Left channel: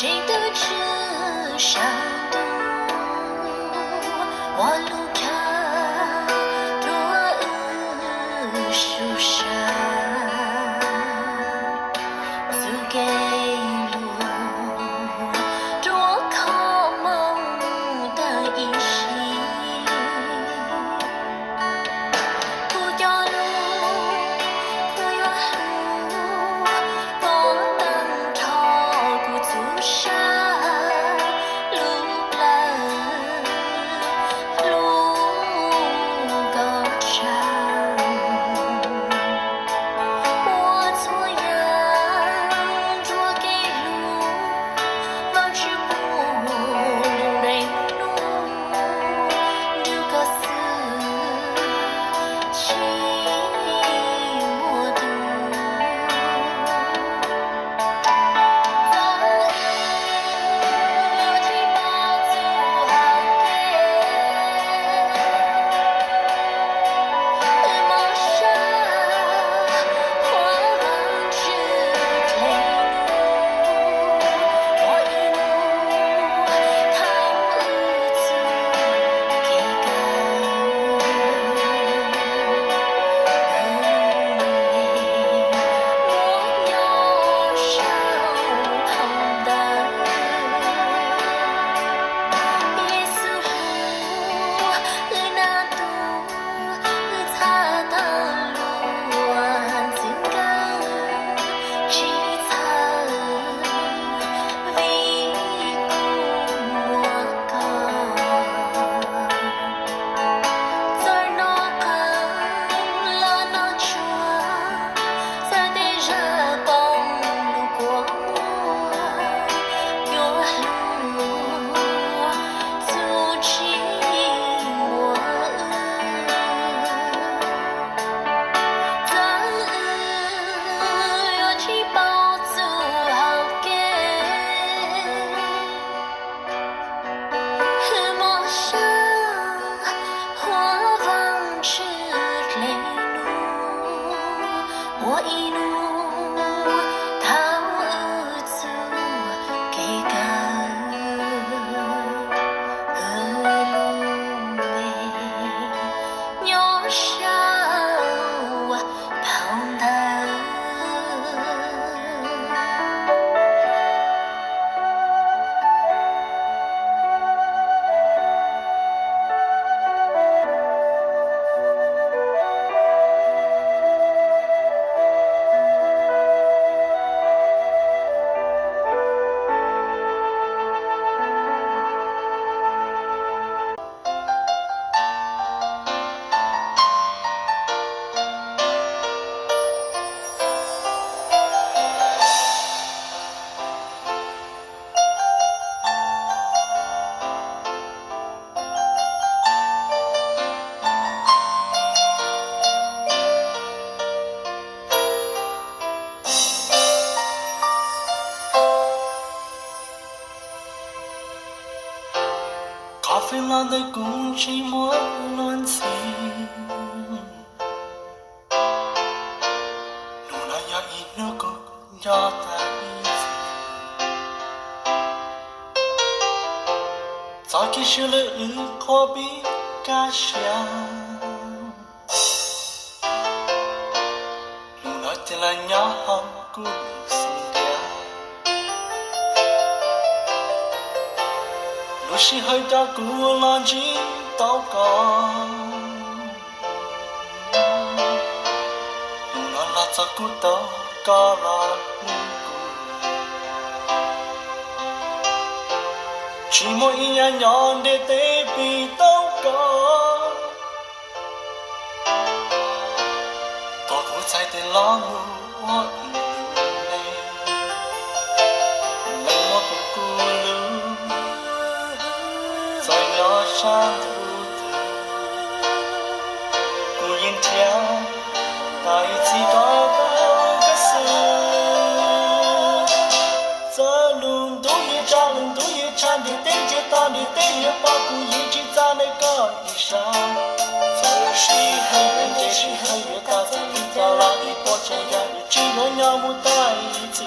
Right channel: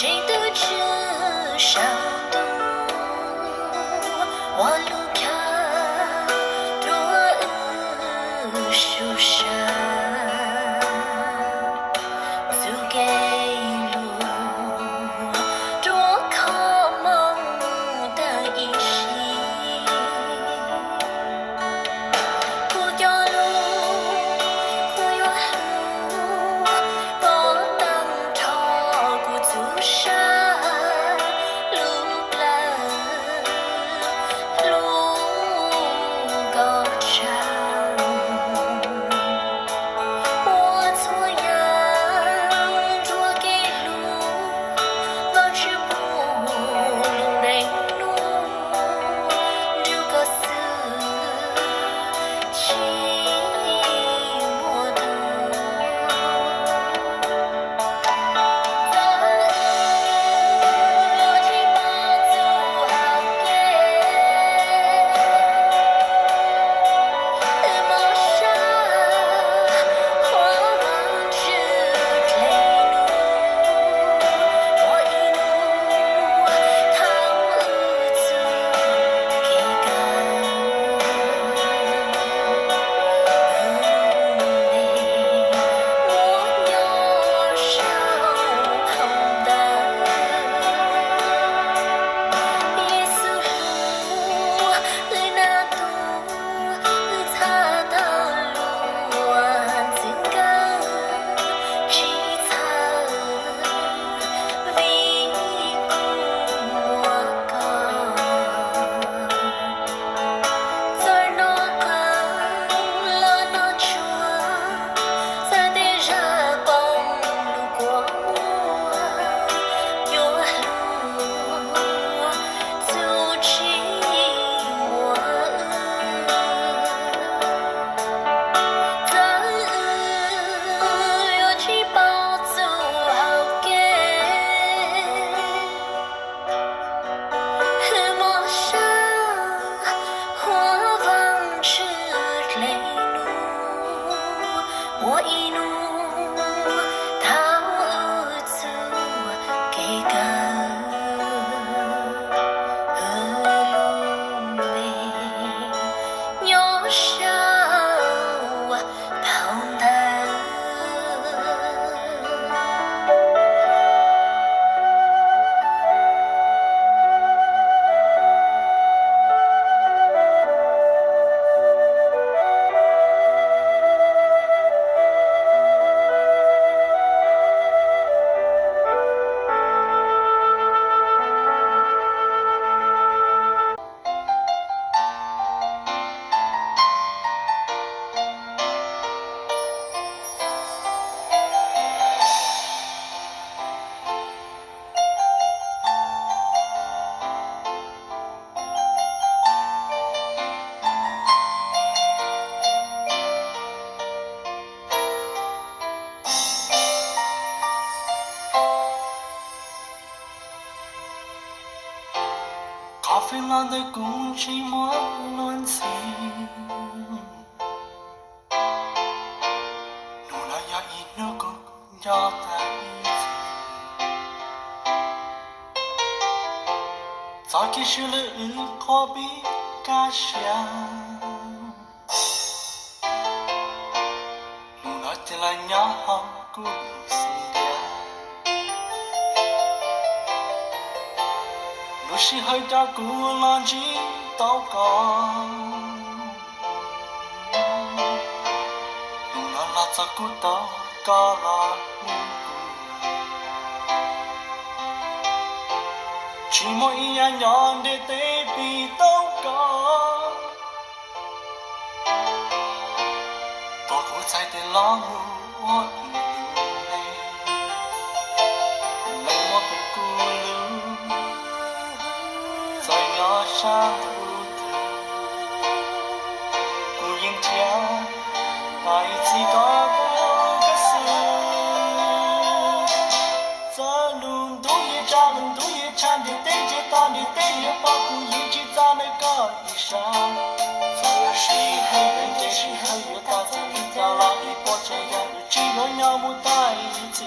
这都这上路，我路看多树上，走给路，多靠梦的一心。苦掉路，苦有路，我当朝不足山，路蓝，路高长。我错样捉给路，我只不路人路，这个死。情我独，咱留几把酒好给，陌上花望着泪路，我一路逃走给个。我一路逃走给个路没鸟上跑的。咖啡蓝的空气莫乱情，努那呀一努个呀在一起，早起是了可比家乡，努那天来呀好故事。不是海大古浪迹祷告，路那拉扎古祷告拉路古，寂寞一样样的对比祷告，多古在的老路我一路泪，泪我不顾路。在鸟山的路途，孤影跳，那一起高高的树，这路都也长，都也长的，对着当的，对着把故一直在那个衣裳。这是很远，这是很远，大在一条拉一波这样的，只我鸟不在一起。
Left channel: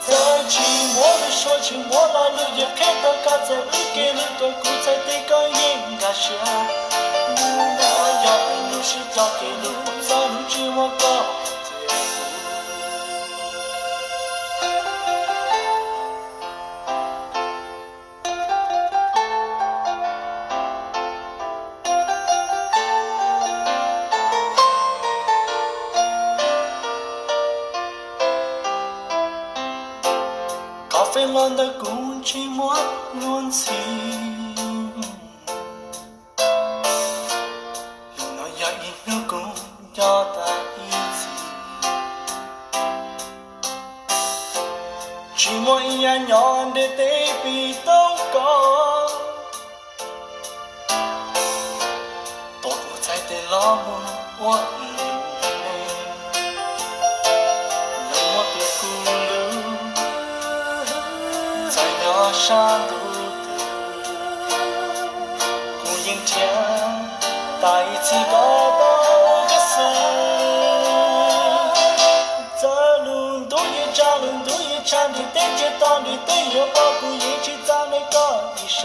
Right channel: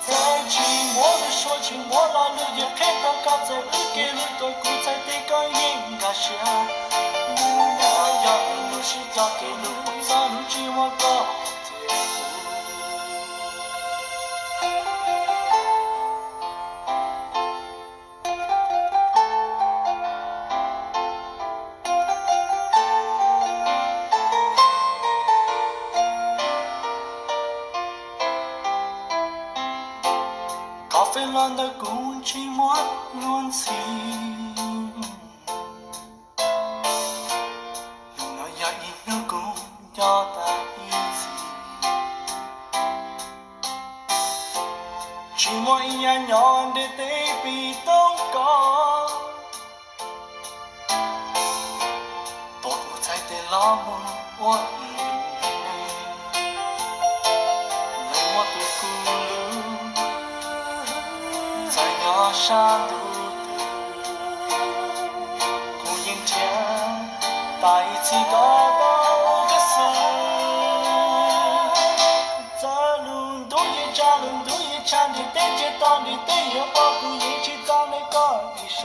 在寂寞的说起起莫拉路也看到嘎在日给了个古菜的个应该是，路那呀路是交给路，咱们只我高。咖啡蓝的空气莫乱情，那呀一路公要在一起，寂寞一样样的对比都高，多不在的老母我一妹，让我的孤独。在崖上独渡，孤影天，带起高高的树。在路都也站，路都也站的，对着当的，对着保护一起在那个衣裳。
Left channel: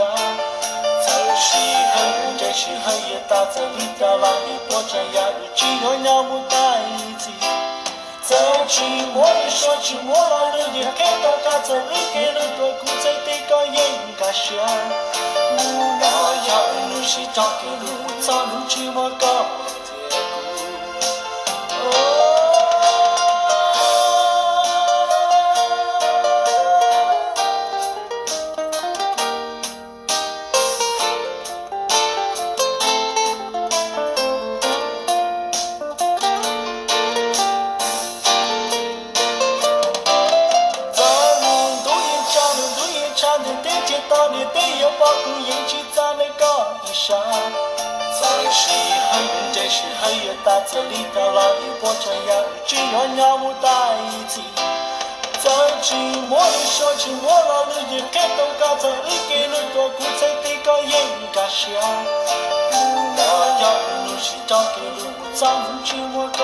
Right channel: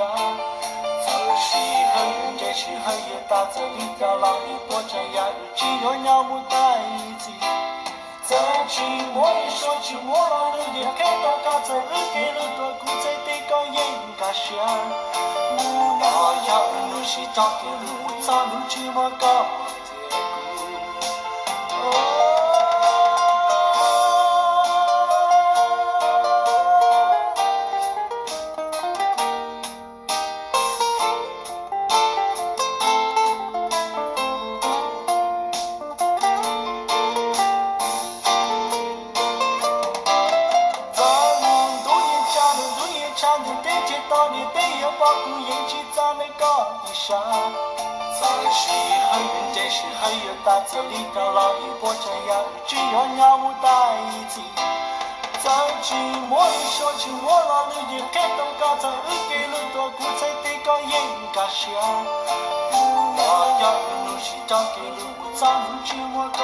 这是很人，这是很也大在里条拉里波着呀，日记我鸟不在一起。在寂寞的说寂寞了，路也看到他在日给了个古在的个也应该是，路那呀路是找给路，早路寂寞高结果。唱的对街道的对有保护引起咱们高一上，这是很远，这是很远，大这里到老一波这样，只有鸟不在一起。在寂寞的说起我老了也看到刚才日给了个古菜的个也应该是，路那样路是找给路，咱们寂寞高。